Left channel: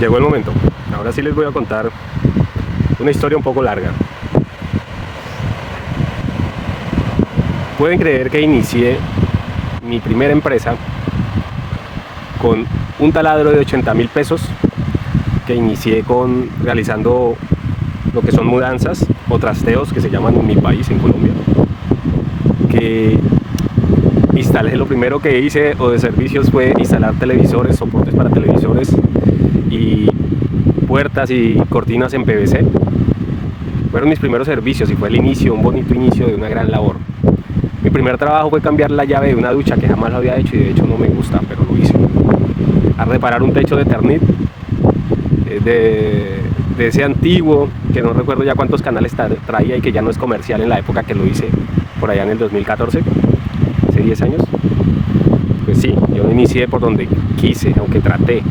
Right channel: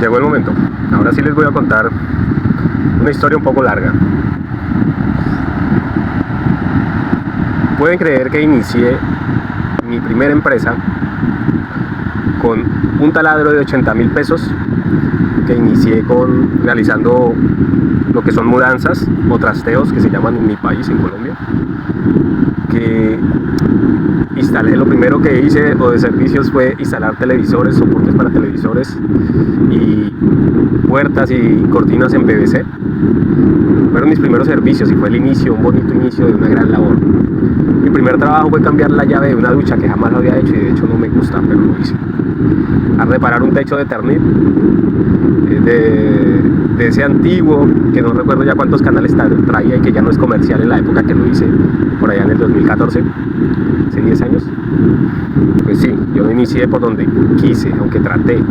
Llegó el momento. Ahora sí les voy a contar una historia un poco larga. Pueden creer que inicié mi primera empresa con un taladro de 80.000 pesos, que inicié realizando lo que son mudanzas o trasteos, que se llaman en mi país, en Colombia. Que instalé, lo primero que hice o de servicios fue instalar televisores, soportes para televisores y puertas y cortinas en PVC. Fueron mis primeros servicios y fue el inicio, un bonito inicio de una gran labor. Mi primer trabajo fue cambiar la llave de una ducha que jamás había hecho y de hecho no me gusta, pero lo hice. A reparar un techo de Eternit, de ese antiguo, que no recuerdo ya cuántos canales traía y que ya no es comercial en la época que lo hice, por allá en el 2014, hace 10 años. Pues sí, yo no inicié por donde quise, aunque traté.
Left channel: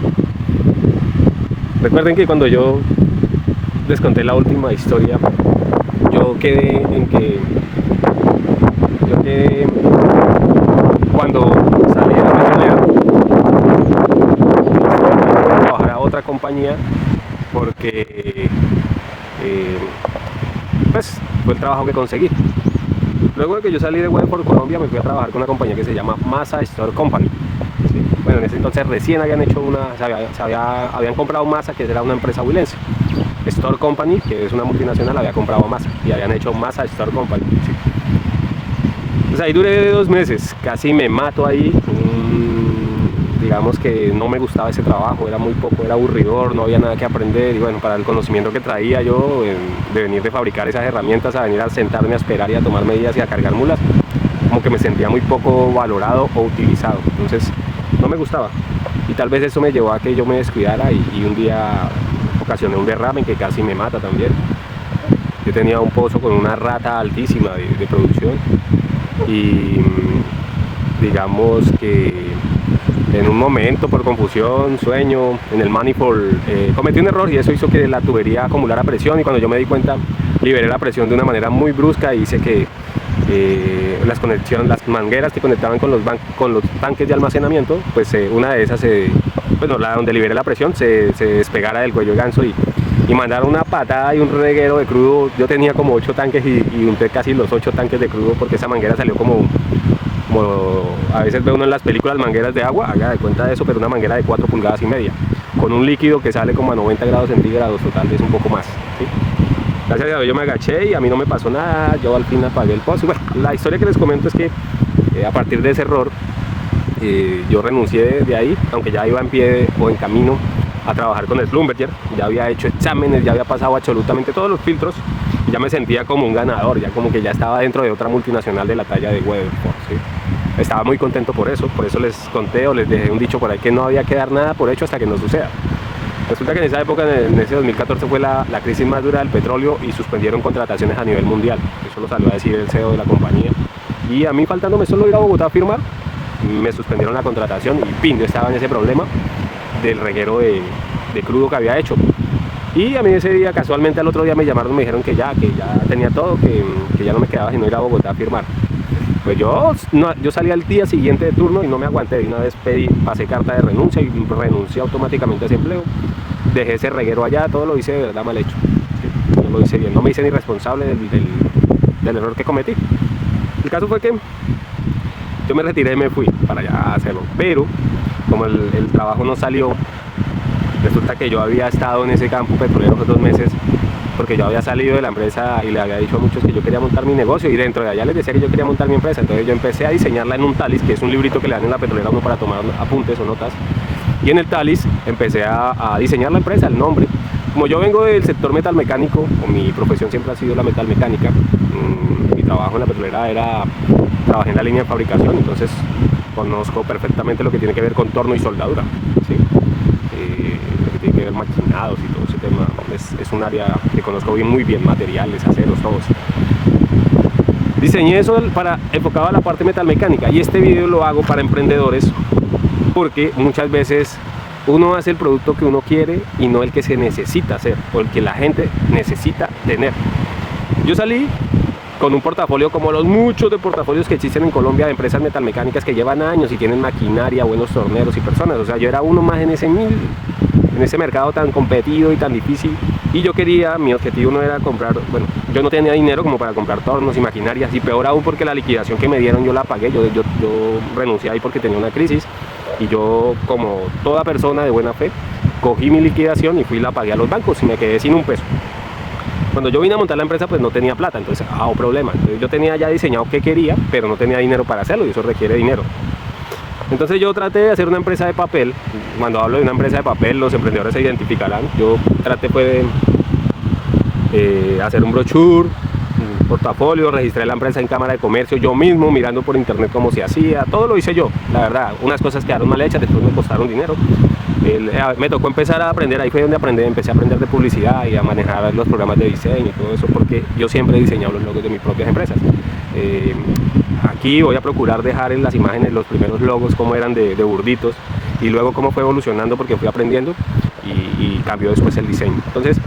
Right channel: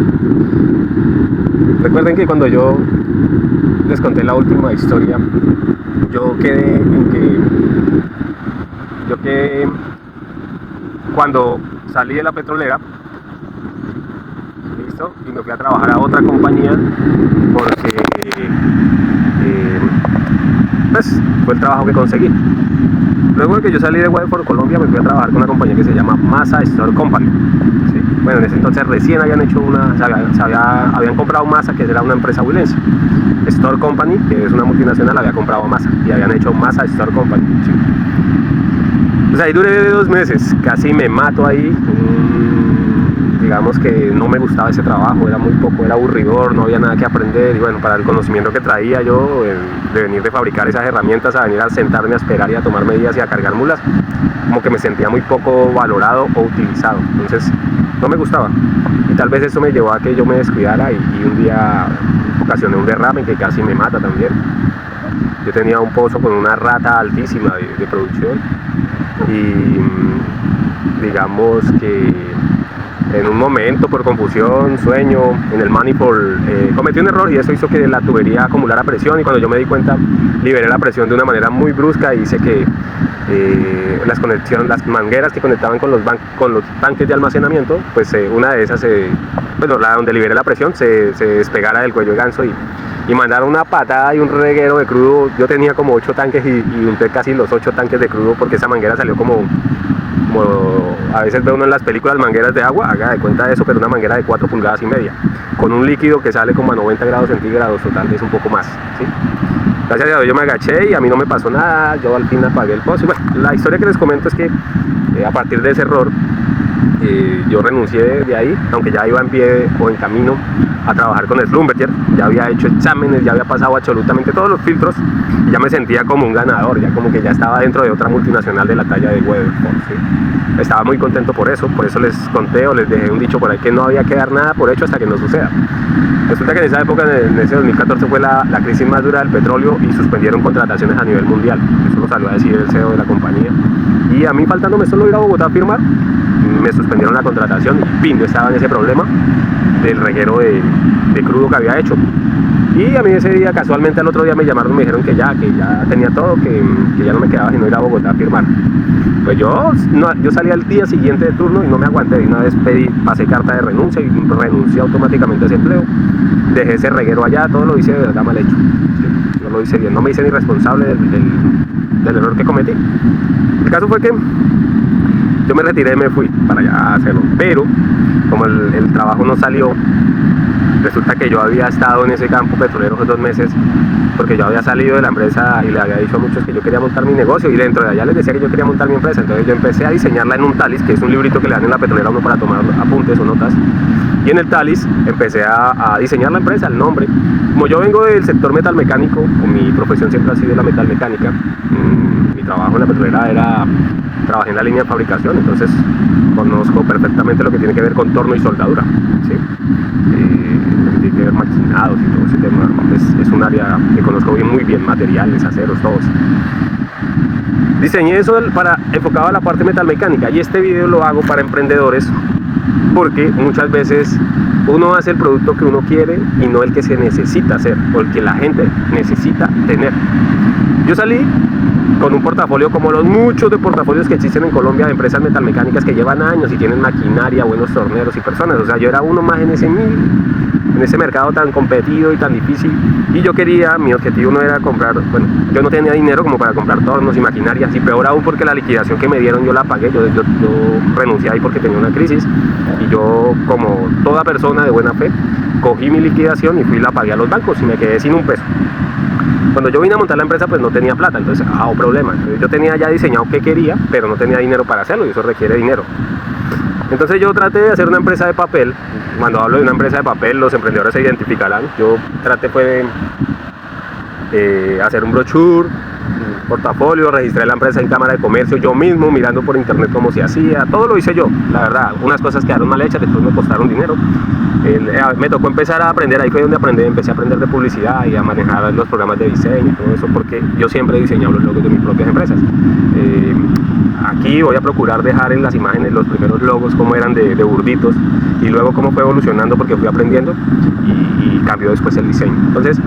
Recuerden que cuando yo les conté la última historia, yo quedé cuando salí de la petrolera a trabajar a otra compañía porque pues fue el trabajo que conseguí. Luego de que yo salí de Weatherford, Colombia, me fui a trabajar con una compañía que se llama Masa Store Company. ¿Sí? Bueno, en ese entonces recién habían hecho habían comprado Masa, que era una empresa huilense. Store Company, que es una multinacional, había comprado Masa y habían hecho Masa Store Company. ¿Sí? Pues ahí duré 2 meses, casi me mato ahí. Digamos que no me gustaba ese trabajo, era muy poco, era aburridor, no había nada que aprender y bueno, para el conocimiento que traía yo de venir de fabricar esas herramientas a venir a sentarme a esperar y a tomar medidas y a cargar mulas, como que me sentía muy poco valorado o utilizado, entonces no me gustaba y tal vez eso me llevó a que yo me descuidara y un día ocasioné un derrame que casi me mata también. Yo tenía un pozo con una rata altísima de producción y digamos que en un momento, por confusión, sueño, en el manifold cometí un error y eso hizo que la tubería acumulara presión y cuando yo me di cuenta liberé la presión de una manera muy brusca y hice que las mangueras que conectaban con los tanques de almacenamiento, pues una de esas, donde liberé la presión, se despegara del cuello de ganso y mandaron una patada y un reguero de crudo. Yo tenía como 8 tanques y unté casi los 8 tanques de crudo porque esa manguera salió como a veces ve uno en las películas mangueras de agua, haga de cuenta de eso, pero una manguera de 4,5 pulgadas, con un líquido que sale como a 90 grados centígrados o tal vez un poco más, ¿sí? Gracias a Dios yo me agaché y a mí no me pasó nada, yo al fin apagué el pozo. Bueno, la historia que les comento es que a partir de ese error yo renuncié de ahí, aunque ya iba en pie o en camino a trabajar con el Schlumberger, ya había hecho exámenes, ya había pasado absolutamente todos los filtros y ya me sentía como un ganador, ya como que ya estaba dentro de otra multinacional de la talla de Weatherford, ¿sí? Estaba muy contento por eso les conté o les dejé un dicho por ahí que no había que dar nada por hecho hasta que no suceda. Resulta que en esa época, en ese 2014, fue la crisis más dura del petróleo y suspendieron contrataciones a nivel mundial. Eso lo salió a decir el CEO de la compañía. Y a mí, faltándome solo ir a Bogotá a firmar, me suspendieron la contratación. Yo estaba en ese problema del reguero de crudo que había hecho. Y a mí ese día, casualmente al otro día me llamaron y me dijeron que ya tenía todo, que ya no me quedaba sino ir a Bogotá a firmar. Pues yo salí al día siguiente de turno y no me aguanté. De una vez pasé carta de renuncia y renuncié automáticamente a ese empleo. Dejé ese reguero allá, todo lo hice de verdad mal hecho. ¿Sí? No lo hice bien, no me hice ni responsable del error que cometí. El caso fue que yo me retiré y me fui para allá a hacerlo. Pero como el trabajo no salió, resulta que yo había estado en ese campo petrolero por 2 meses porque yo había salido de la empresa y le había dicho a muchos que yo quería montar mi negocio y dentro de allá les decía que yo quería montar mi empresa. Entonces yo empecé a diseñarla en un Talis, que es un librito que le dan en la petrolera a uno para tomar apuntes o notas, y en el Talis empecé a diseñar la empresa, el nombre. Como yo vengo del sector metalmecánico, o mi profesión siempre ha sido la metalmecánica, mi trabajo en la petrolera trabajé en la línea de fabricación, entonces conozco perfectamente lo que tiene que ver con torno y soldadura, ¿sí? Lo que tiene que ver maquinados y todo ese tema, es un área que conozco muy bien, materiales, aceros, todos. Diseñé eso enfocado a la parte metalmecánica y este video lo hago para emprendedores porque muchas veces uno hace el producto que uno quiere y no el que se necesita hacer o el que la gente necesita tener. Yo salí con un portafolio como los muchos de portafolios que existen en Colombia de empresas metalmecánicas que llevan años y tienen maquinaria, buenos torneros y personas. O sea, yo era uno más en ese mil en ese mercado tan competido y tan difícil. Y yo quería, mi objetivo no era comprar, bueno, yo no tenía dinero como para comprar tornos y maquinarias, y peor aún porque la liquidación que me dieron yo la pagué, yo renuncié ahí porque tenía una crisis, y yo, como toda persona de buena fe, cogí mi liquidación y fui y la pagué a los bancos y me quedé sin un peso. Cuando yo vine a montar la empresa, pues no tenía plata, entonces, problema. Entonces, yo tenía ya diseñado qué quería, pero no tenía dinero para hacerlo, y eso requiere dinero. Entonces yo traté de hacer una empresa de papel. Cuando hablo de una empresa de papel, los emprendedores se identificarán. Yo traté de hacer un brochure, un portafolio, registré la empresa en Cámara de Comercio yo mismo, mirando por internet cómo se hacía. Todo lo hice yo, la verdad. Unas cosas quedaron mal hechas, después me costaron dinero. Me tocó empezar a aprender, ahí fue donde empecé a aprender de publicidad y a manejar los programas de diseño y todo eso, porque yo siempre he diseñado los logos de mis propias empresas. Aquí voy a procurar dejar en las imágenes los primeros logos como eran de burditos, y luego cómo fue evolucionando porque fui aprendiendo y cambió después el diseño. Entonces,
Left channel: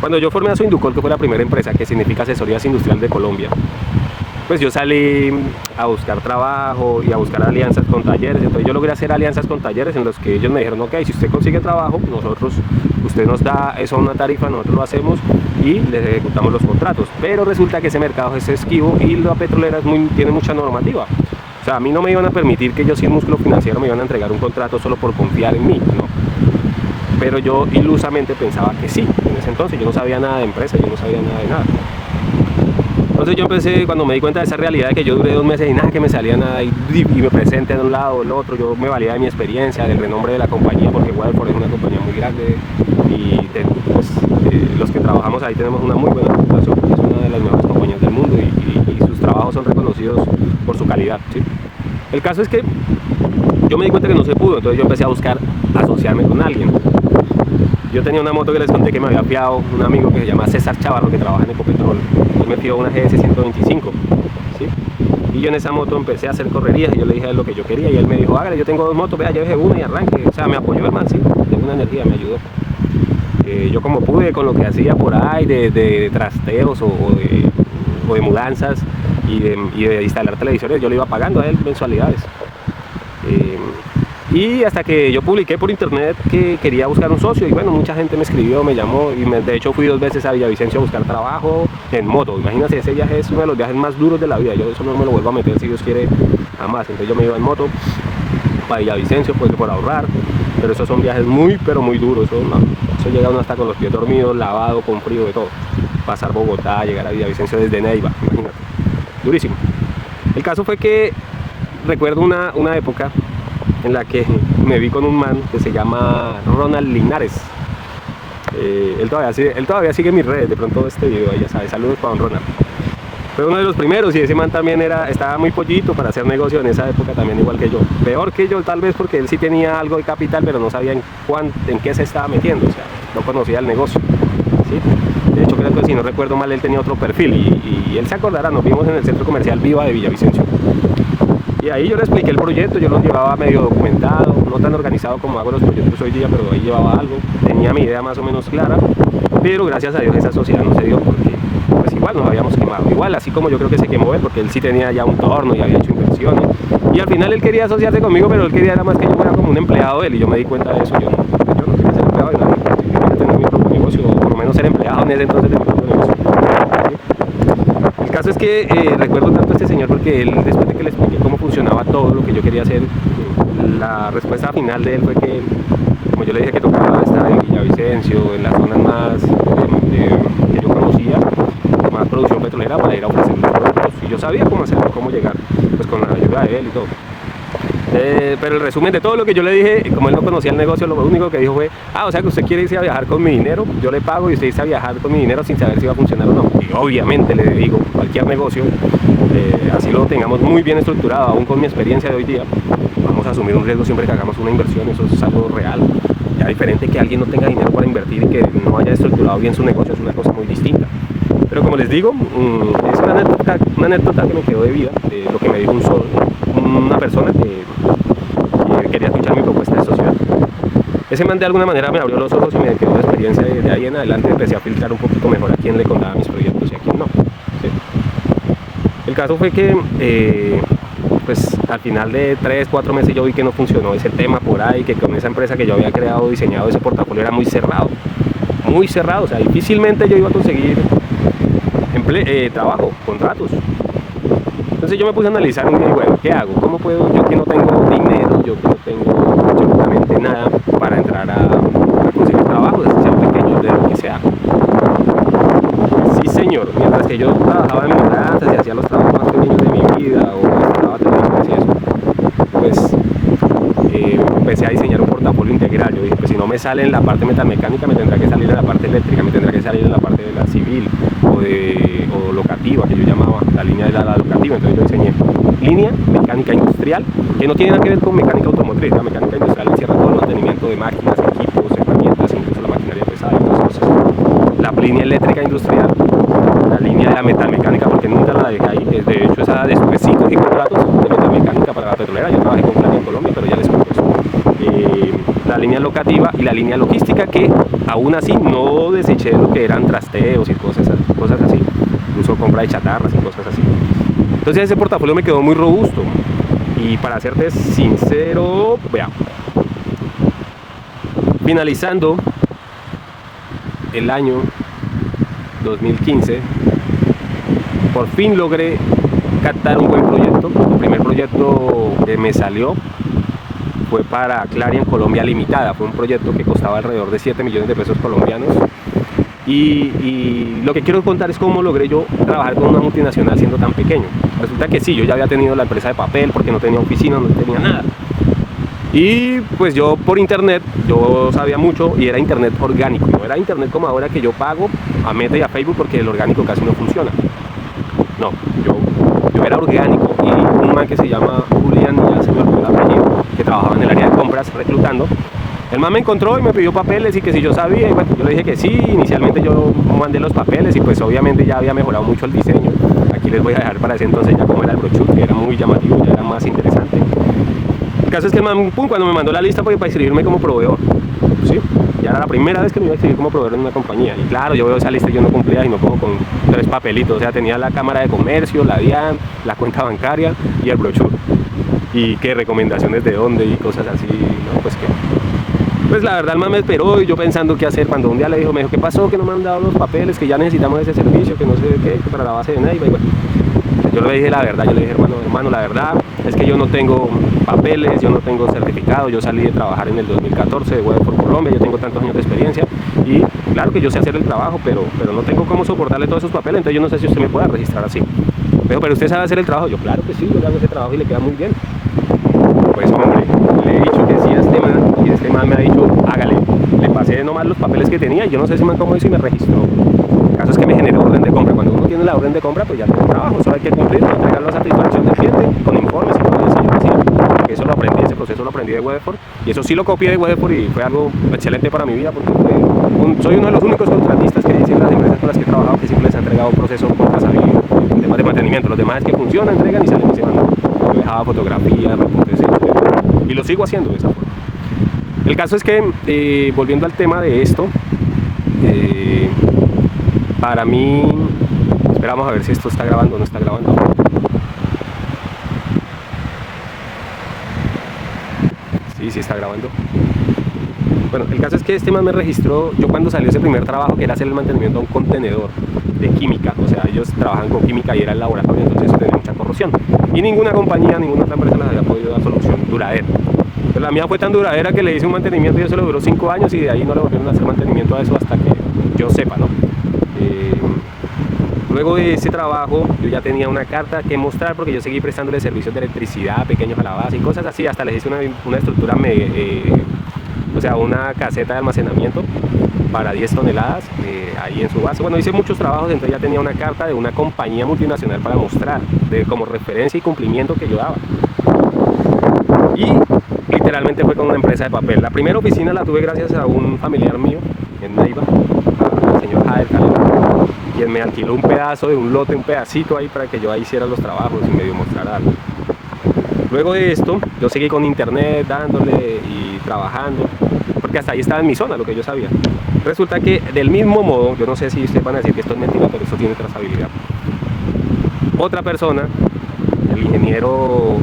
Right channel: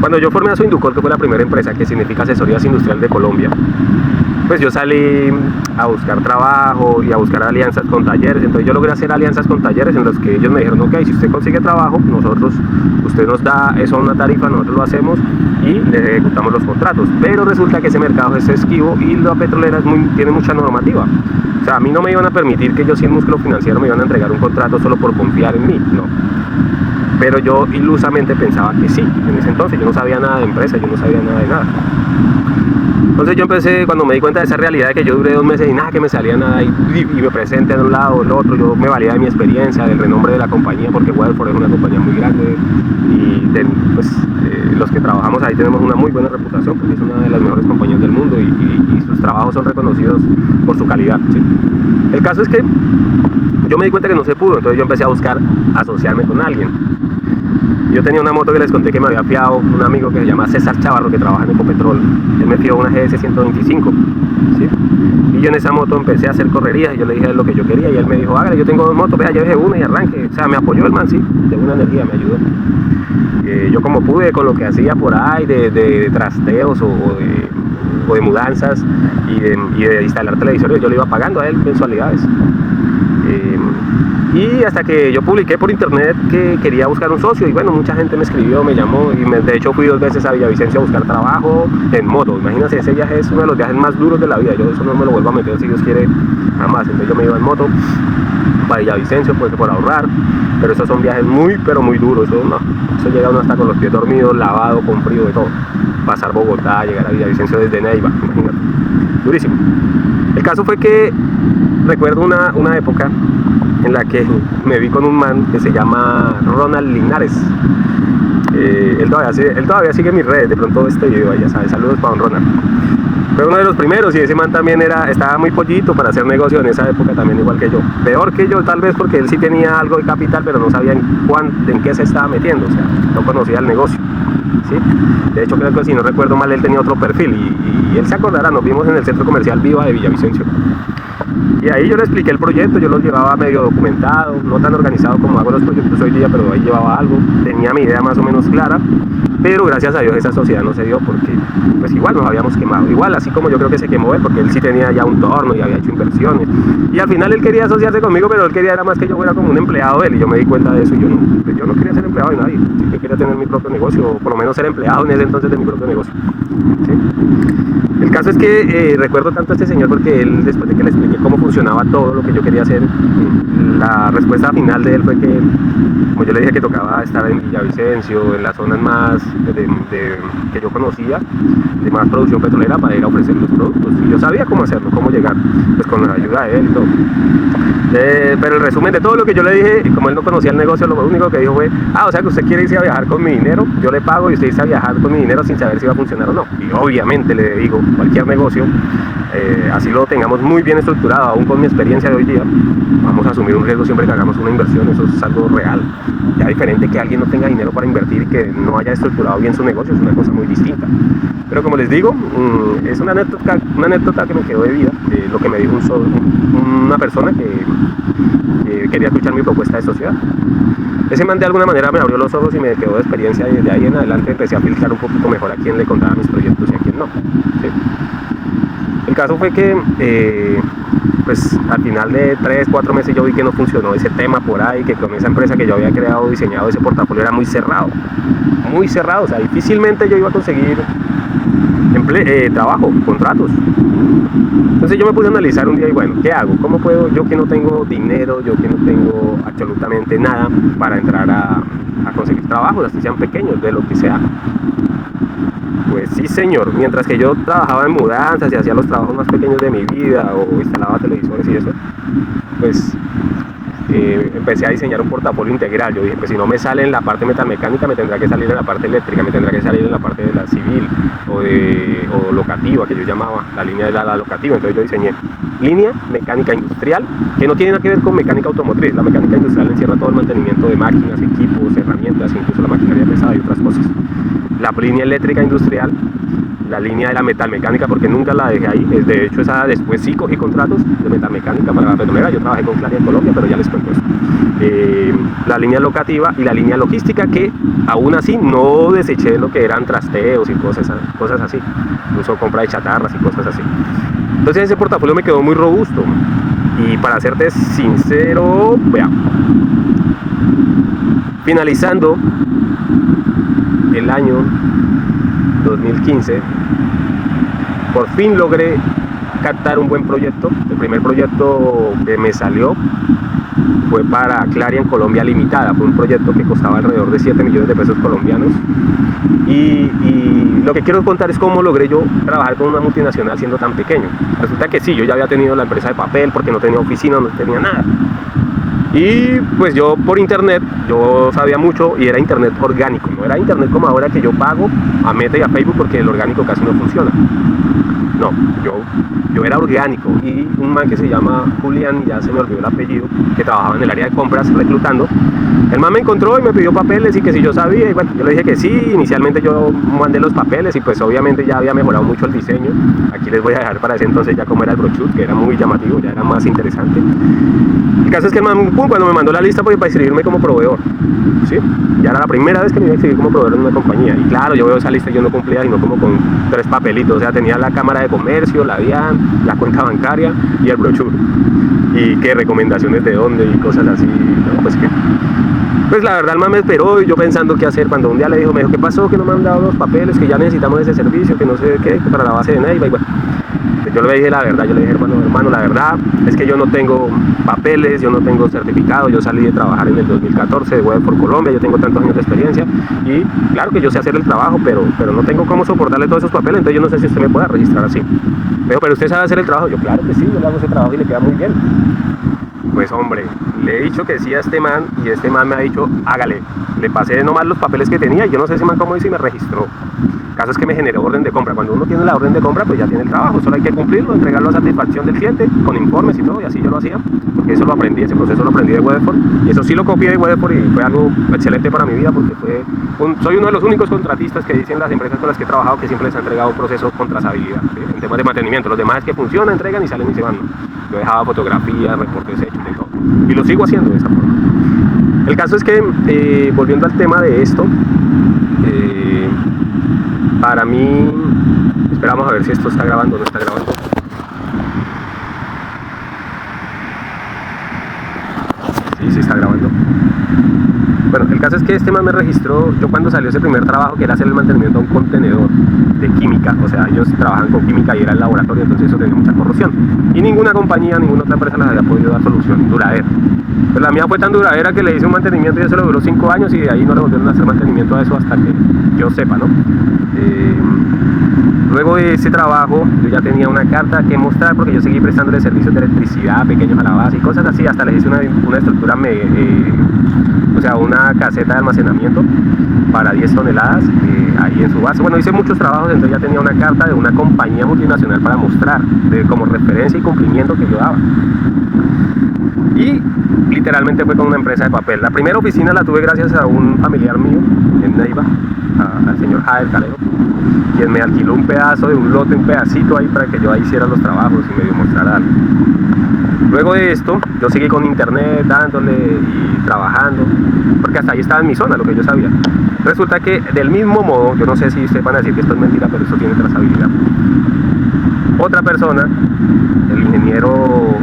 cuando yo formé a Soinducor, que fue la primera empresa, que significa Asesorías Industrial de Colombia, pues yo salí a buscar trabajo y a buscar alianzas con talleres. Entonces yo logré hacer alianzas con talleres en los que ellos me dijeron: ok, si usted consigue trabajo, usted nos da eso a una tarifa, nosotros lo hacemos y le ejecutamos los contratos. Pero resulta que ese mercado es esquivo y la petrolera tiene mucha normativa. O sea, a mí no me iban a permitir que yo, sin músculo financiero, me iban a entregar un contrato solo por confiar en mí, no. Pero yo ilusamente pensaba que sí. En ese entonces yo no sabía nada de empresa, yo no sabía nada de nada. Entonces yo empecé, cuando me di cuenta de esa realidad de que yo duré 2 meses y nada que me salía nada, y me presenté de un lado o del otro, yo me valía de mi experiencia, del renombre de la compañía, porque Weatherford es una compañía muy grande y los que trabajamos ahí tenemos una muy buena reputación, porque es una de las mejores compañías del mundo y sus trabajos son reconocidos por su calidad, ¿sí? El caso es que yo me di cuenta que no se pudo, entonces yo empecé a buscar asociarme con alguien. Yo tenía una moto que les conté que me había fiado un amigo que se llama César Chavarro, que trabaja en Ecopetrol. Él me fió una GS 125, ¿sí? Y yo en esa moto empecé a hacer correrías y yo le dije lo que yo quería, y él me dijo: hágale, yo tengo 2 motos, vea, yo dejé una y arranque. O sea, me apoyó el man, sí, de una energía, me ayudó. Yo como pude, con lo que hacía por ahí de trasteos o de mudanzas y de instalar televisores, yo le iba pagando a él mensualidades. Y hasta que yo publiqué por internet que quería buscar un socio, y bueno, mucha gente me escribió, me llamó, y de hecho fui 2 veces a Villavicencio a buscar trabajo en moto. Imagínense, ese viaje es uno de los viajes más duros de la vida. Yo eso no me lo vuelvo a meter, si Dios quiere, jamás. Entonces yo me iba en moto para Villavicencio, pues, por ahorrar, pero esos son viajes muy, pero muy duros. Eso llega uno hasta con los pies dormidos, lavado, con frío, de todo. Pasar Bogotá, llegar a Villavicencio desde Neiva, imagínate, durísimo. El caso fue que recuerdo una época en la que me vi con un man que se llama Ronald Linares. Él todavía sigue mis redes, de pronto este video, ya sabes, saludos para don Ronald. Fue uno de los primeros, y ese man también estaba muy pollito para hacer negocio en esa época, también igual que yo. Peor que yo tal vez, porque él sí tenía algo de capital, pero no sabía en qué se estaba metiendo, o sea, no conocía el negocio, ¿sí? De hecho, creo que, si no recuerdo mal, él tenía otro perfil, y él se acordará, nos vimos en el centro comercial Viva de Villavicencio. Y ahí yo le expliqué el proyecto, yo lo llevaba medio documentado, no tan organizado como hago los proyectos hoy día, pero ahí llevaba algo, tenía mi idea más o menos clara, pero gracias a Dios esa sociedad no se dio, porque pues igual nos habíamos quemado, igual así como yo creo que se quemó él, porque él sí tenía ya un torno y había hecho inversiones, y al final él quería asociarse conmigo, pero él quería era más que yo fuera como un empleado de él, y yo me di cuenta de eso. Yo no quería ser empleado de nadie, yo quería tener mi propio negocio, o por lo menos ser empleado en ese entonces de mi propio negocio, ¿sí? El caso es que recuerdo tanto a este señor porque él, después de que le expliqué cómo funcionaba todo lo que yo quería hacer, la respuesta final de él fue que, como yo le dije que tocaba estar en Villavicencio, en las zonas más que yo conocía, de más producción petrolera, para ir a ofrecer los productos. Y yo sabía cómo hacerlo, cómo llegar, pues con la ayuda de él y todo. Pero el resumen de todo lo que yo le dije, como él no conocía el negocio, lo único que dijo fue: o sea que usted quiere irse a viajar con mi dinero, yo le pago y usted irse a viajar con mi dinero sin saber si va a funcionar o no. Y obviamente le digo, cualquier negocio, así lo tengamos muy bien estructurado, aún con mi experiencia de hoy día, vamos a asumir un riesgo siempre que hagamos una inversión. Eso es algo real. Ya diferente que alguien no tenga dinero para invertir y que no haya estructurado bien su negocio, es una cosa muy distinta. Pero como les digo, es una anécdota que me quedó de vida, lo que me dijo una persona que quería escuchar mi propuesta de sociedad. Ese man de alguna manera me abrió los ojos y me quedó de experiencia, y de ahí en adelante empecé a filtrar un poquito mejor a quién le contaba mis proyectos y a quién no, ¿sí? El caso fue que pues al final de 3, 4 meses yo vi que no funcionó ese tema por ahí, que con esa empresa que yo había creado, diseñado ese portafolio era muy cerrado, o sea, difícilmente yo iba a conseguir trabajo, contratos. Entonces yo me puse a analizar un día y bueno, ¿qué hago? ¿Cómo puedo, yo que no tengo dinero, yo que no tengo absolutamente nada para entrar a conseguir trabajos, así sean pequeños, de lo que sea? Pues sí, señor, mientras que yo trabajaba en mudanzas y hacía los trabajos más pequeños de mi vida o instalaba televisores y eso, pues empecé a diseñar un portafolio integral. Yo dije, pues si no me sale en la parte metalmecánica, me tendrá que salir en la parte eléctrica, me tendrá que salir en la parte de la civil o locativa, que yo llamaba, la línea de la locativa. Entonces yo diseñé línea mecánica industrial, que no tiene nada que ver con mecánica automotriz. La mecánica industrial encierra todo el mantenimiento de máquinas, equipos, herramientas, incluso la maquinaria pesada y otras cosas. La línea eléctrica industrial, la línea de la metalmecánica, porque nunca la dejé ahí. De hecho, esa después sí cogí contratos de metalmecánica para la petrolera. Yo trabajé con Claria en Colombia, pero ya les cuento eso. La línea locativa y la línea logística, que aún así no deseché lo que eran trasteos y cosas así, incluso compra de chatarras y cosas así. Entonces ese portafolio me quedó muy robusto. Y para serte sincero, vea, finalizando el año 2015, por fin logré captar un buen proyecto. El primer proyecto que me salió fue para Claria en Colombia Limitada. Fue un proyecto que costaba alrededor de 7 millones de pesos colombianos. Y lo que quiero contar es cómo logré yo trabajar con una multinacional siendo tan pequeño. Resulta que sí, yo ya había tenido la empresa de papel porque no tenía oficina, no tenía nada. Y pues yo por internet, yo sabía mucho y era internet orgánico. No era internet como ahora que yo pago a Meta y a Facebook porque el orgánico casi no funciona. No, yo era orgánico. Y un man que se llama Julián, ya se me olvidó el apellido, que trabajaba en el área de compras reclutando, el man me encontró y me pidió papeles y que si yo sabía, y bueno, yo le dije que sí. Inicialmente yo mandé los papeles y pues obviamente ya había mejorado mucho el diseño. Aquí les voy a dejar para ese entonces ya como era el brochure, que era muy llamativo, ya era más interesante. El caso es que el man, cuando me mandó la lista para inscribirme como proveedor, ¿sí? Ya era la primera vez que me iba a inscribir como proveedor en una compañía. Y claro, yo veo esa lista y yo no cumplía, sino como con 3 papelitos. O sea, tenía la cámara de comercio, la DIAN, la cuenta bancaria y el brochure. Y qué recomendaciones de dónde y cosas así, ¿no? Pues la verdad el man me esperó y yo pensando qué hacer. Cuando un día me dijo, ¿qué pasó? Que no me han dado los papeles, que ya necesitamos ese servicio, que no sé qué, que para la base de Neiva. Y bueno, yo le dije la verdad, yo le dije, hermano, la verdad es que yo no tengo papeles, yo no tengo certificado, yo salí de trabajar en el 2014 de Weatherford Colombia, yo tengo tantos años de experiencia y claro que yo sé hacer el trabajo, pero no tengo cómo soportarle todos esos papeles, entonces yo no sé si usted me pueda registrar así. Pero usted sabe hacer el trabajo. Yo, claro que sí, yo le hago ese trabajo y le queda muy bien. Pues hombre, le he dicho que sí a este man y este man me ha dicho, hágale. Le pasé nomás los papeles que tenía y yo no sé si man cómo hizo y me registró. El caso es que me generó orden de compra. Cuando uno tiene la orden de compra, pues ya tiene el trabajo. Solo hay que cumplirlo, entregarlo a satisfacción del cliente, con informes y todo, y así yo lo hacía. Porque eso lo aprendí, ese proceso lo aprendí de Weatherford. Y eso sí lo copié de Weatherford y fue algo excelente para mi vida porque soy uno de los únicos contratistas que dicen las empresas con las que he trabajado que siempre les ha entregado un proceso contrasabido en temas de mantenimiento. Los demás es que funcionan, entregan y salen y se van. Yo dejaba fotografías, reportes y lo sigo haciendo de esa forma. El caso es que, volviendo al tema de esto, para mí, esperamos a ver si esto está grabando o no está grabando. Sí está grabando. Bueno, el caso es que este man me registró, yo cuando salió ese primer trabajo, que era hacer el mantenimiento a un contenedor de química, o sea, ellos trabajan con química y era el laboratorio, entonces eso tenía mucha corrosión. Y ninguna compañía, ninguna otra empresa les había podido dar solución duradera. Pero la mía fue tan duradera que le hice un mantenimiento y eso le duró 5 años y de ahí no le volvieron a hacer mantenimiento a eso hasta que yo sepa, ¿no? Luego de ese trabajo yo ya tenía una carta que mostrar porque yo seguí prestándole servicios de electricidad pequeños a la base y cosas así, hasta les hice una estructura, o sea, una caseta de almacenamiento para 10 toneladas ahí en su base. Bueno, hice muchos trabajos, entonces ya tenía una carta de una compañía multinacional para mostrar como referencia y cumplimiento que yo daba. Y literalmente fue con una empresa de papel. La primera oficina la tuve gracias a un familiar mío en Neiva, al señor Jader Calero, quien me alquiló un pedazo de un lote, un pedacito ahí para que yo ahí hiciera los trabajos y medio mostrara algo. Luego de esto, yo seguí con internet dándole y trabajando, porque hasta ahí estaba en mi zona, lo que yo sabía. Resulta que del mismo modo, yo no sé si ustedes van a decir que esto es mentira, pero esto tiene trazabilidad. Otra persona el ingeniero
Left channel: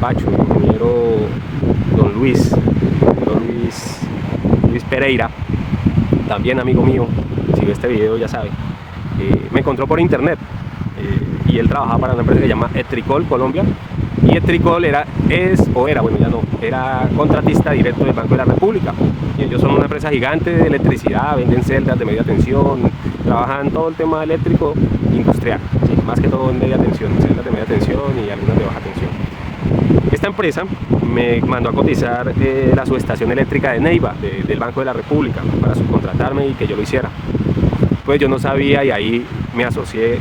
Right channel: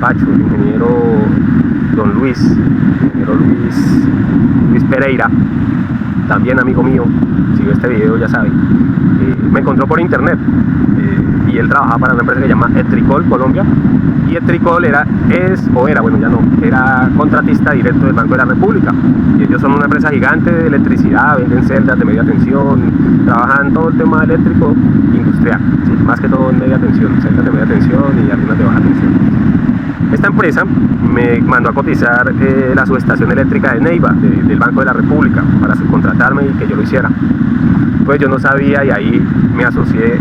Pacho, el ingeniero don Luis Pereira, también amigo mío, si ve este video ya sabe, me encontró por internet y él trabajaba para una empresa que se llama Etricol Colombia, y Etricol era contratista directo del Banco de la República, y ellos son una empresa gigante de electricidad, venden celdas de media tensión, trabajan todo el tema eléctrico industrial, ¿sí? Más que todo en media tensión, celdas de media tensión y algunas de baja tensión. Esta empresa me mandó a cotizar la subestación eléctrica de Neiva, del Banco de la República, para subcontratarme y que yo lo hiciera. Pues yo no sabía, y ahí me asocié,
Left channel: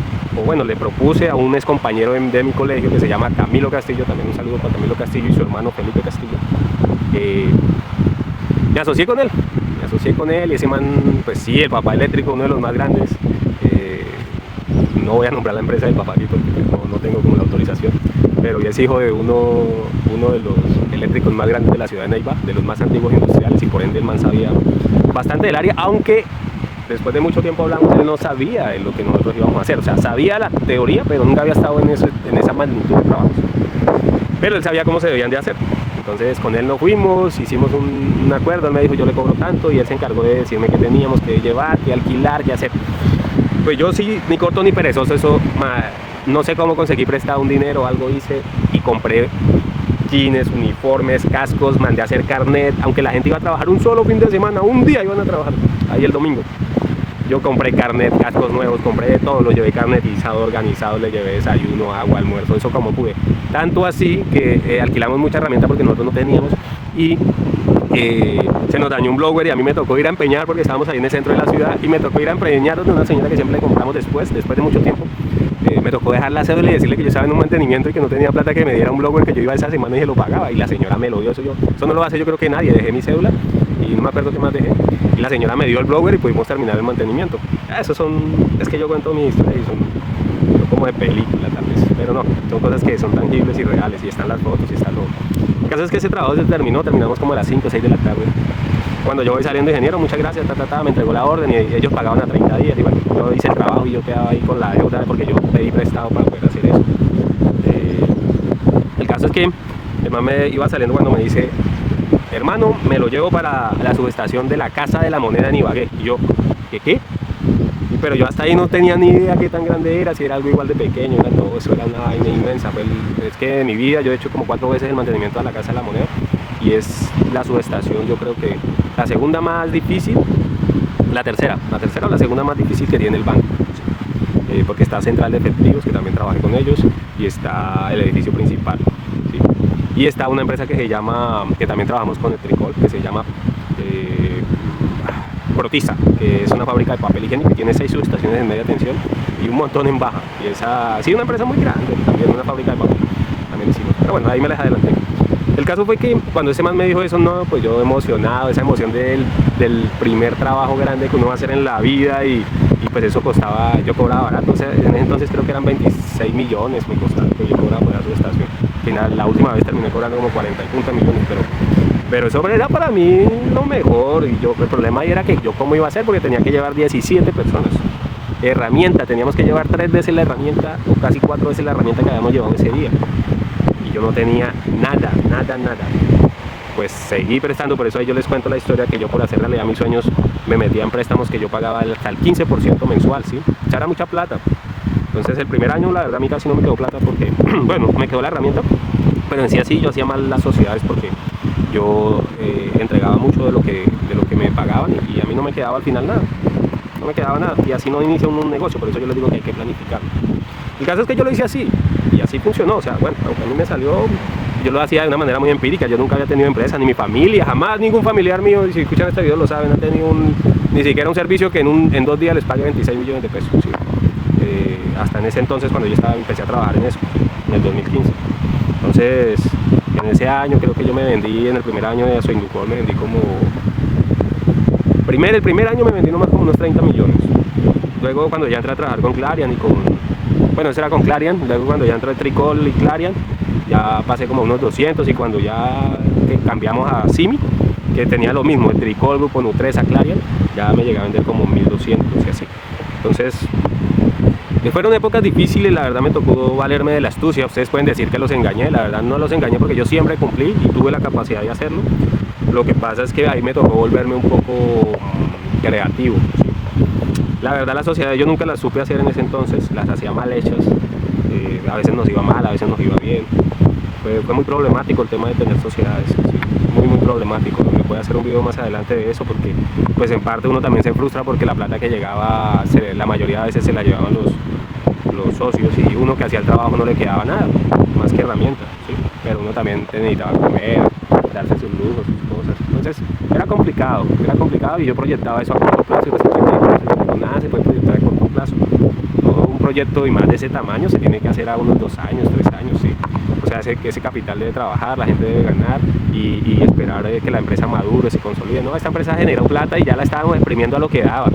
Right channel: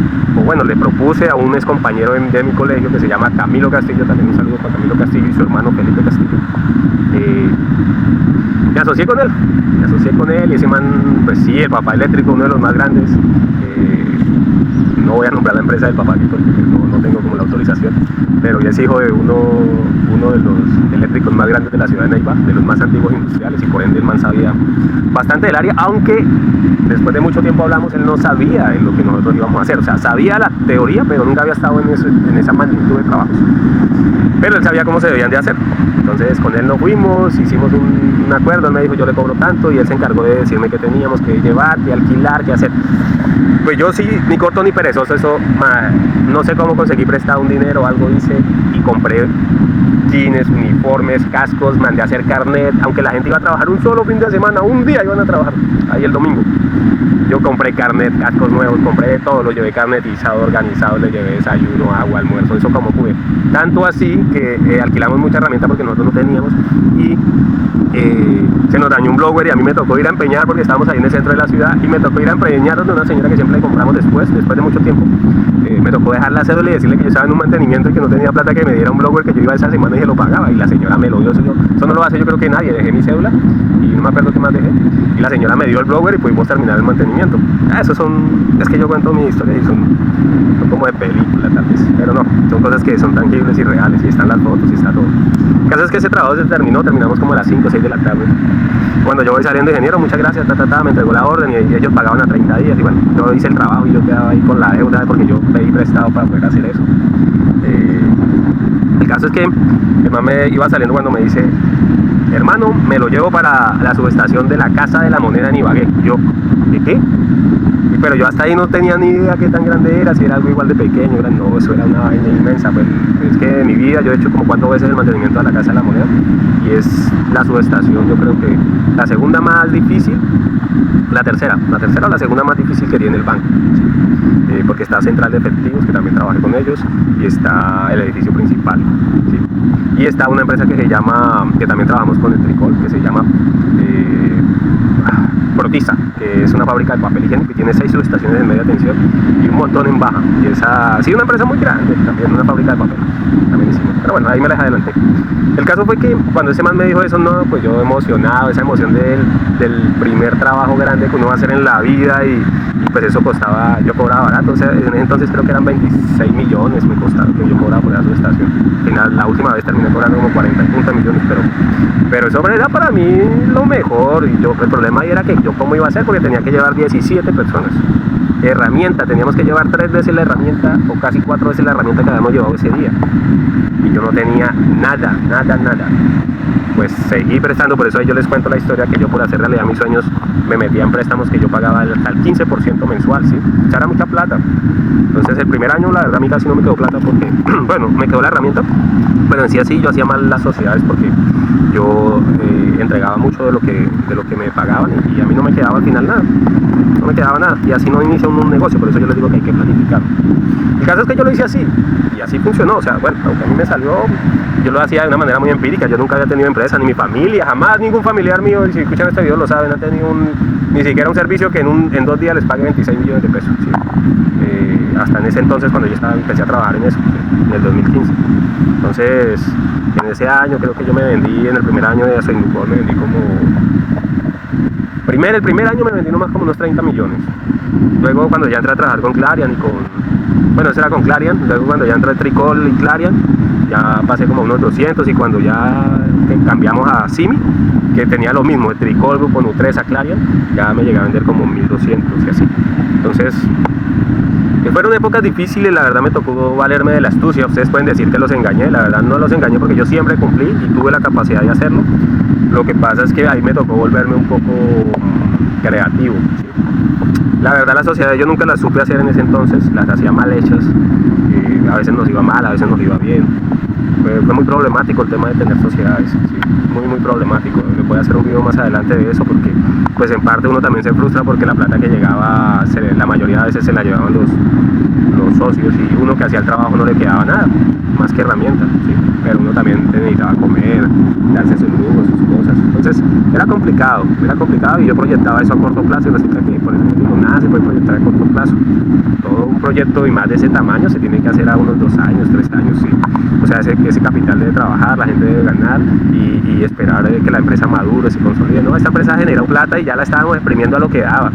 le propuse a un ex compañero de mi colegio que se llama Camilo Castillo, también un saludo para Camilo Castillo y su hermano Felipe Castillo. Me asocié con él y ese man, pues sí, el papá eléctrico, uno de los más grandes. No voy a nombrar la empresa del papá aquí porque no tengo como la autorización, pero ya es hijo de uno de los eléctricos más grandes de la ciudad de Neiva, de los más antiguos industriales, y por ende el man sabía bastante del área, aunque después de mucho tiempo hablamos, él no sabía de lo que nosotros íbamos a hacer. O sea, sabía la teoría, pero nunca había estado en esa magnitud de trabajos, pero él sabía cómo se debían de hacer. Entonces con él nos fuimos, hicimos un acuerdo, él me dijo yo le cobro tanto, y él se encargó de decirme qué teníamos que llevar, qué alquilar, qué hacer. Pues yo sí, ni corto ni perezoso, no sé cómo conseguí prestado un dinero, algo hice y compré jeans, uniformes, cascos, mandé a hacer carnet, aunque la gente iba a trabajar un solo fin de semana, un día iban a trabajar, ahí el domingo. Yo compré carnet, cascos nuevos, compré de todo, lo llevé carnetizado, organizado, le llevé desayuno, agua, almuerzo, eso como pude. Tanto así que alquilamos mucha herramienta porque nosotros no teníamos, y se nos dañó un blower y a mí me tocó ir a empeñar porque estábamos ahí en el centro de la ciudad, y me tocó ir a empeñar donde una señora que siempre le compramos después de mucho tiempo. Me tocó dejar la cédula y decirle que yo estaba en un mantenimiento y que no tenía plata, que me diera un blower que yo iba esa semana y se lo pagaba, y la señora me lo dio. Eso no lo hace yo creo que nadie. Dejé mi cédula y no me acuerdo qué más dejé, y la señora me dio el blower y pudimos terminar el mantenimiento. Es que yo cuento mi historia y son como de película tal vez, pero no, son cosas que son tangibles y reales, y están las fotos y está todo. El caso es que ese trabajo se terminamos como a las 5 o 6 de la tarde. Cuando yo voy saliendo, ingeniero, muchas gracias, me entregó la orden, y ellos pagaban a 30 días, y bueno, yo hice el trabajo y yo quedaba ahí con la deuda porque yo pedí prestado para poder hacer eso. El caso es que el man me iba saliendo cuando me dice: hermano, me lo llevo para la subestación de la Casa de la Moneda en Ibagué. Y yo, ¿qué? Pero yo hasta ahí no tenía ni idea qué tan grande era, si era algo igual de pequeño. No, eso era una vaina inmensa. Pues es que en mi vida yo he hecho como 4 veces el mantenimiento de la Casa de la Moneda, y es la subestación, yo creo que la segunda más difícil, la tercera o la segunda más difícil que tiene el banco, ¿sí? Porque está Central de Efectivos, que también trabajé con ellos, y está el edificio principal, ¿sí? Y está una empresa que también trabajamos con el Etricol, que se llama Protisa, que es una fábrica de papel higiénico, que tiene 6 subestaciones de media tensión y un montón en baja, y esa sí, una empresa muy grande, también una fábrica de papel, también hicimos, pero bueno, ahí me les adelanté. El caso fue que cuando ese man me dijo eso, no, pues yo emocionado, esa emoción del primer trabajo grande que uno va a hacer en la vida, y pues eso costaba, yo cobraba barato, o sea, en ese entonces creo que eran 26 millones me costaba, que yo cobraba por esa subestación. Al final, la última vez terminé cobrando como 40 y 50 millones, pero eso era para mí lo mejor, y el problema ahí era que yo cómo iba a hacer, porque tenía que llevar 17 personas. Herramienta, teníamos que llevar 3 veces la herramienta, o casi 4 veces la herramienta que habíamos llevado ese día, y yo no tenía nada. Pues seguí prestando, por eso ahí yo les cuento la historia, que yo, por hacer realidad mis sueños, me metía en préstamos que yo pagaba hasta el 15% mensual, ¿sí? O sea, era mucha plata. Entonces el primer año la verdad a mí casi no me quedó plata porque, bueno, me quedó la herramienta, pero en sí así yo hacía mal las sociedades porque yo entregaba mucho de lo que me pagaban, y a mí no me quedaba al final nada. No me quedaba nada, y así no inicia un negocio. Por eso yo les digo que hay que planificar. El caso es que yo lo hice así, y así funcionó. O sea, bueno, aunque a mí me salió, yo lo hacía de una manera muy empírica. Yo nunca había tenido empresa, ni mi familia, jamás ningún familiar mío, y si escuchan este video lo saben, ha tenido ni siquiera un servicio que en 2 días les pague 26 millones de pesos, ¿sí? Hasta en ese entonces, cuando yo empecé a trabajar en eso, ¿sí? En el 2015. Entonces, en ese año creo que yo me vendí, en el primer año de Soindupol me vendí como... El primer año me vendí nomás como unos 30 millones. Luego, cuando ya entré a trabajar con Clarion bueno, ese era con Clarion. Luego, cuando ya entré a Etricol y Clarion, ya pasé como unos 200. Y cuando ya cambiamos a Simi, que tenía lo mismo, Etricol, Grupo Nutresa, Clarion, ya me llegué a vender como 1200 y así. Entonces, Fueron épocas difíciles, la verdad me tocó valerme de la astucia. Ustedes pueden decir que los engañé, la verdad no los engañé porque yo siempre cumplí y tuve la capacidad de hacerlo. Lo que pasa es que a mí me tocó volverme un poco creativo. La verdad las sociedades yo nunca las supe hacer en ese entonces, las hacía mal hechas. A veces nos iba mal, a veces nos iba bien. Fue muy problemático el tema de tener sociedades, ¿sí? Muy problemático. Voy a hacer un video más adelante de eso porque pues en parte uno también se frustra porque la plata que llegaba, la mayoría de veces se la llevaban los socios y uno que hacía el trabajo no le quedaba nada, más que herramientas, ¿sí? Pero uno también necesitaba comer, darse sus lujos, sus cosas. Entonces era complicado y yo proyectaba eso a corto plazo. Nada se puede proyectar a corto plazo. Todo un proyecto y más de ese tamaño se tiene que hacer a unos 2 años, 3 años, ¿sí? O sea, ese capital debe trabajar, la gente debe ganar y esperar que la empresa madure, se consolide. No, esta empresa generó plata y ya la estábamos exprimiendo a lo que daba.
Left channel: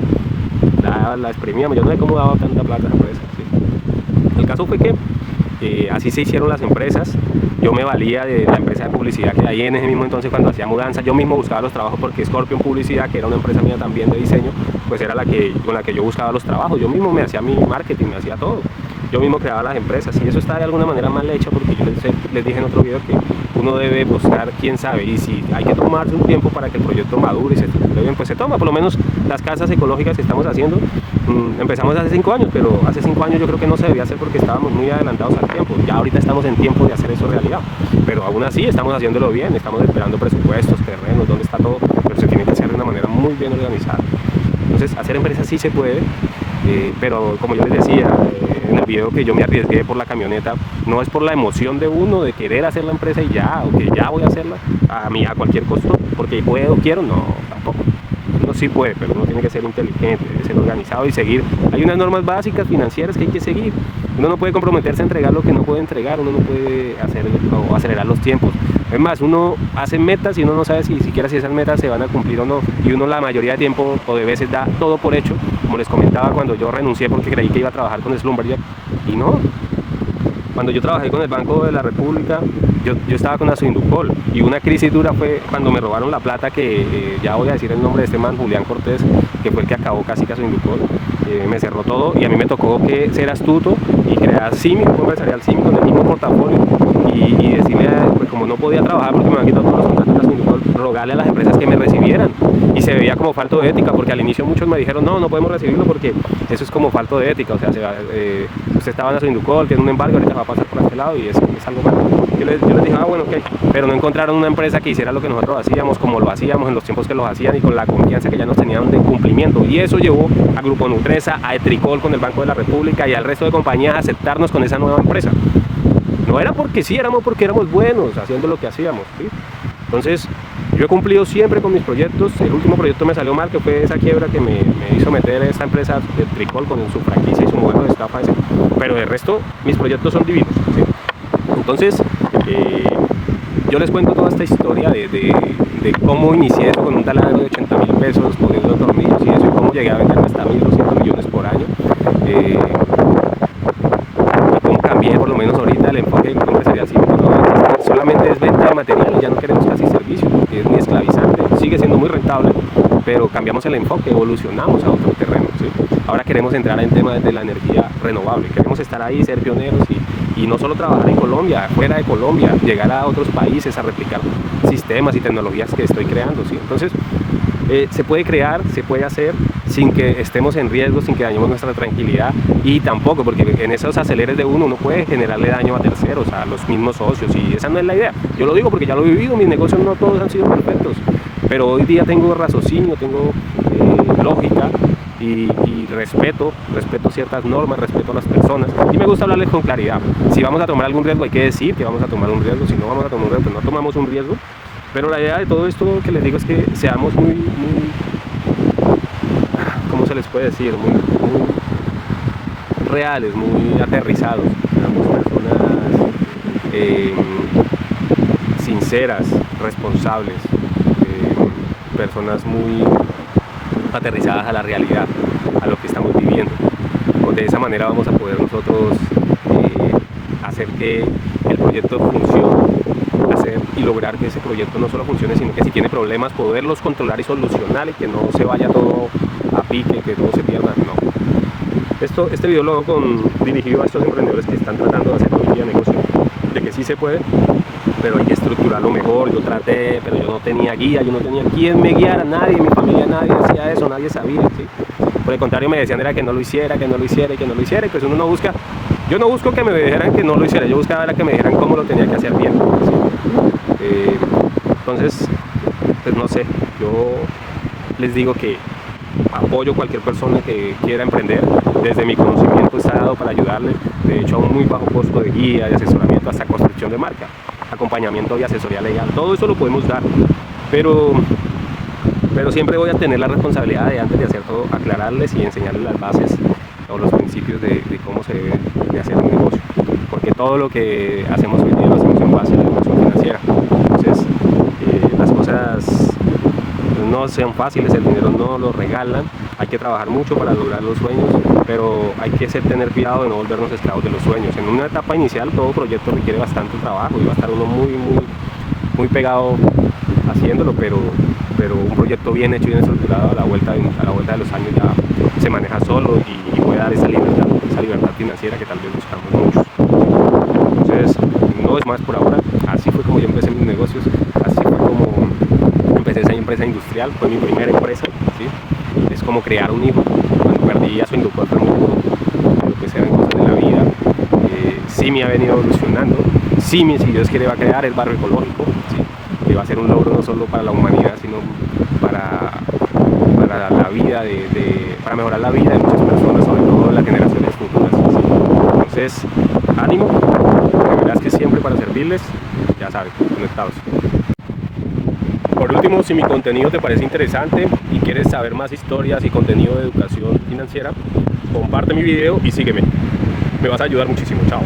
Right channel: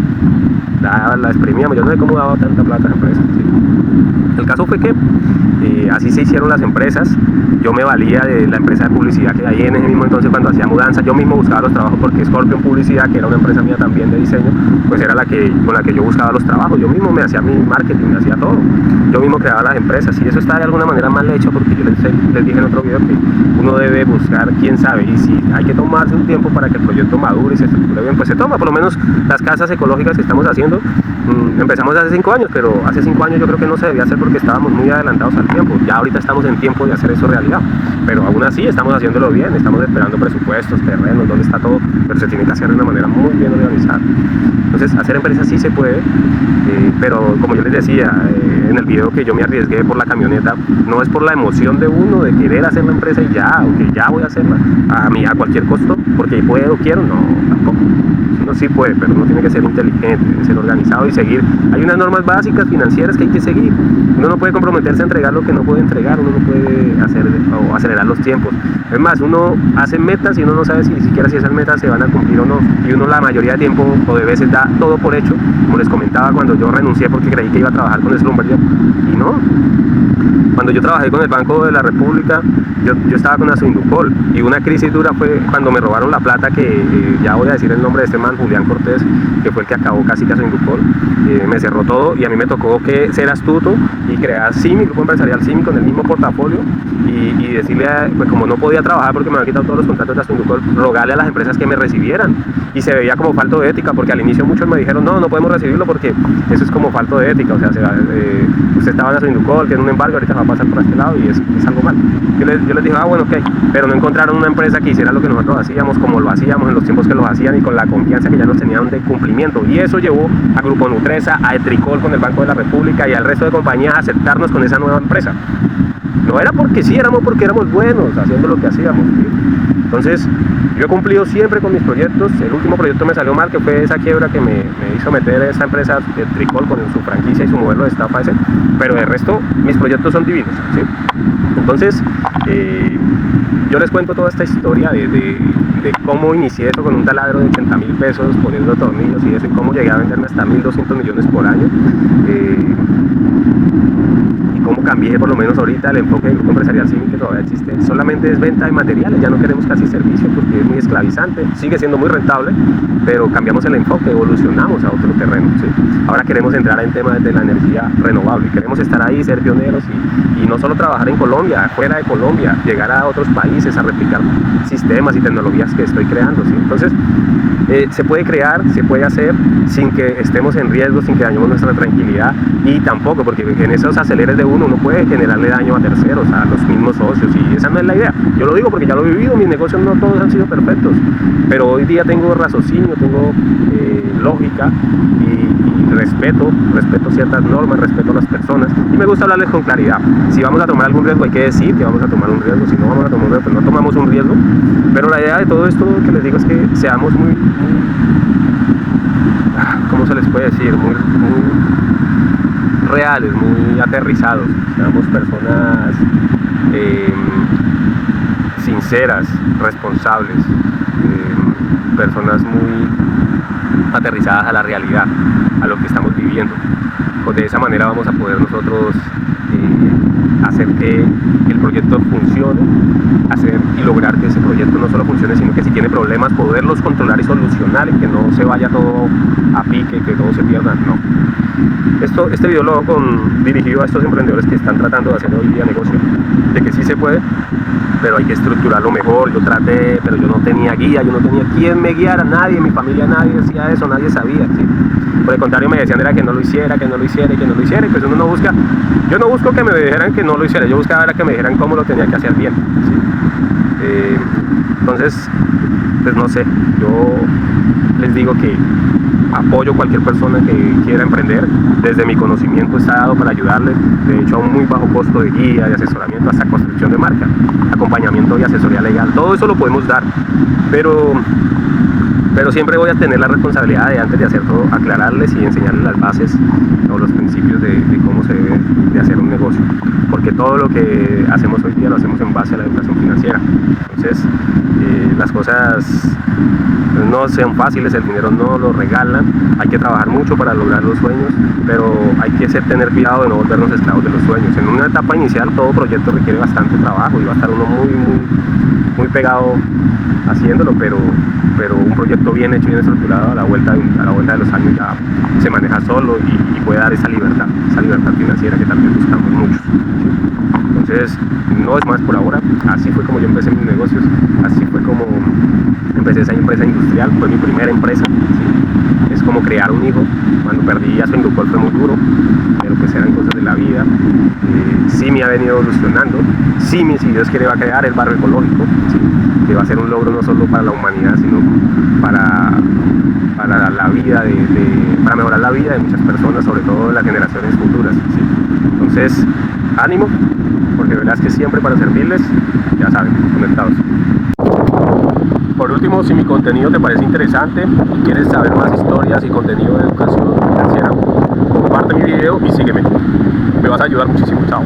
La exprimíamos, yo no sé cómo daba tanta plata a la empresa, ¿sí? El caso fue que así se hicieron las empresas. Yo me valía de la empresa de publicidad que hay en ese mismo entonces cuando hacía mudanzas. Yo mismo buscaba los trabajos porque Scorpion Publicidad, que era una empresa mía también de diseño, pues era con la que yo buscaba los trabajos. Yo mismo me hacía mi marketing, me hacía todo. Yo mismo creaba las empresas y eso está de alguna manera mal hecho porque yo les dije en otro video que uno debe buscar quién sabe y si hay que tomarse un tiempo para que el proyecto madure y se estructure bien, pues se toma. Por lo menos las casas ecológicas que estamos haciendo, empezamos hace 5 años, pero hace 5 años yo creo que no se debía hacer porque estábamos muy adelantados al tiempo. Ya ahorita estamos en tiempo de hacer eso realidad, pero aún así estamos haciéndolo bien, estamos esperando presupuestos, terrenos, dónde está todo, pero se tiene que hacer de una manera muy bien organizada. Entonces hacer empresas sí se puede, pero como yo les decía en el video que yo me arriesgué por la camioneta, no es por la emoción de uno de querer hacer la empresa y ya, aunque ya voy a hacerla a cualquier costo, porque puedo, quiero, no, tampoco. Uno sí puede, pero uno tiene que ser inteligente, debe ser organizado y seguir. Hay unas normas básicas financieras que hay que seguir. Uno no puede comprometerse a entregar lo que no puede entregar, uno no puede hacer o acelerar los tiempos. Es más, uno hace metas y uno no sabe si siquiera si esas metas se van a cumplir o no. Y uno la mayoría de tiempo o de veces da todo por hecho, como les comentaba cuando yo renuncié porque creí que iba a trabajar con Slumberger y no. Cuando yo trabajé con el Banco de la República, yo estaba con Asunducol y una crisis dura fue cuando me robaron la plata que ya voy a decir el nombre de este man, Julián Cortés, que fue el que acabó casi que Asunducol. Me cerró todo y a mí me tocó que ser astuto y crear CIMI, Grupo Empresarial CIMI con el mismo portafolio y decirle, pues como no podía trabajar porque me habían quitado todos los contratos de Asunducol, rogarle a las empresas que me recibieran y se veía como falto de ética porque al inicio muchos me dijeron no podemos recibirlo porque eso es como falto de ética, o sea, usted estaba en Asunducol, tiene un embargo, ahorita va a pasar por este lado y es algo mal. Yo les dije, bueno, ok, pero no encontraron una empresa que hiciera lo que nosotros hacíamos, como lo hacíamos en los tiempos que lo hacían y con la confianza que ya nos tenían de cumplimiento. Y eso llevó a Grupo Nutresa, a Etricol con el Banco de la República y al resto de compañías a aceptarnos con esa nueva empresa. No era porque sí, éramos porque éramos buenos haciendo lo que hacíamos, ¿sí? Entonces, yo he cumplido siempre con mis proyectos. El último proyecto me salió mal, que fue esa quiebra que me hizo meter esta empresa de Etricol con su franquicia y su modelo de estafa ese. Pero de resto, mis proyectos son divinos, ¿sí? Entonces, yo les cuento toda esta historia de cómo inicié eso con un taladro de 80.000 pesos, poniendo tornillos y eso, cómo llegué a vender hasta 1.200 millones por año. Como cambié por lo menos ahorita el enfoque del Grupo Empresarial CIMI, no solamente es venta de materiales, ya no queremos casi servicio porque es muy esclavizante, sigue siendo muy rentable, pero cambiamos el enfoque, evolucionamos a otro terreno, ¿sí? Ahora queremos entrar en temas de la energía renovable, queremos estar ahí, ser pioneros y no solo trabajar en Colombia, fuera de Colombia, llegar a otros países a replicar sistemas y tecnologías que estoy creando, ¿sí? Entonces, se puede crear, se puede hacer sin que estemos en riesgo, sin que dañemos nuestra tranquilidad y tampoco, porque en esos aceleres de uno puede generarle daño a terceros, a los mismos socios y esa no es la idea. Yo lo digo porque ya lo he vivido, mis negocios no todos han sido perfectos, pero hoy día tengo raciocinio, tengo lógica y respeto ciertas normas, respeto a las personas y me gusta hablarles con claridad. Si vamos a tomar algún riesgo hay que decir que vamos a tomar un riesgo, si no vamos a tomar un riesgo pues no tomamos un riesgo, pero la idea de todo esto que les digo es que seamos muy ¿cómo se les puede decir? Muy reales, muy aterrizados, seamos personas sinceras, responsables, personas muy aterrizadas a la realidad, a lo que estamos viviendo. De esa manera vamos a poder nosotros hacer que el proyecto funcione, hacer y lograr que ese proyecto no solo funcione, sino que si tiene problemas, poderlos controlar y solucionar y que no se vaya todo a pique, que todo se pierda, no. Este video lo hago dirigido a estos emprendedores que están tratando de hacer hoy día negocio, de que sí se puede, pero hay que estructurarlo mejor. Yo traté, pero yo no tenía guía, yo no tenía quien me guiara, nadie, en mi familia nadie hacía eso, nadie sabía, ¿sí? Por el contrario, me decían era que no lo hiciera, que no lo hiciera y que no lo hiciera, y pues uno no busca, yo no busco que me dijeran que no lo hiciera, yo buscaba era que me dijeran cómo lo tenía que hacer bien, ¿sí? Entonces, pues no sé, yo les digo que apoyo a cualquier persona que quiera emprender. Desde mi conocimiento está dado para ayudarles, de hecho a un muy bajo costo de guía, de asesoramiento, hasta construcción de marca, acompañamiento y asesoría legal, todo eso lo podemos dar, pero siempre voy a tener la responsabilidad de, antes de hacer todo, aclararles y enseñarles las bases o los principios de cómo se debe de hacer un negocio, porque todo lo que hacemos hoy día lo hacemos en base a la educación financiera. Entonces las cosas no sean fáciles, el dinero no lo regalan, hay que trabajar mucho para lograr los sueños, pero hay que tener cuidado de no volvernos esclavos de los sueños. En una etapa inicial todo proyecto requiere bastante trabajo y va a estar uno muy pegado haciéndolo, pero un proyecto bien hecho, bien estructurado, a la vuelta de los años ya se maneja solo y puede dar esa libertad financiera que también buscamos muchos. Entonces, no es más por ahora. Así fue como yo empecé mis negocios, así fue como empecé esa empresa industrial, fue mi primera empresa, ¿sí? Es como crear un hijo. Cuando perdí a Suindupol fue muy duro, pero pues eran cosas de la vida. Sí me ha venido evolucionando, si Dios quiere, va a crear el barrio ecológico, ¿sí? Que va a ser un logro no solo para la humanidad, sino para la vida para mejorar la vida de muchas personas, sobre todo de las generaciones futuras, ¿sí? Entonces, ánimo, porque la verdad es que siempre para servirles, ya saben, conectados. Por último, si mi contenido te parece interesante y quieres saber más historias y contenido de educación financiera, comparte mi video y sígueme. Me vas a ayudar muchísimo. Chao.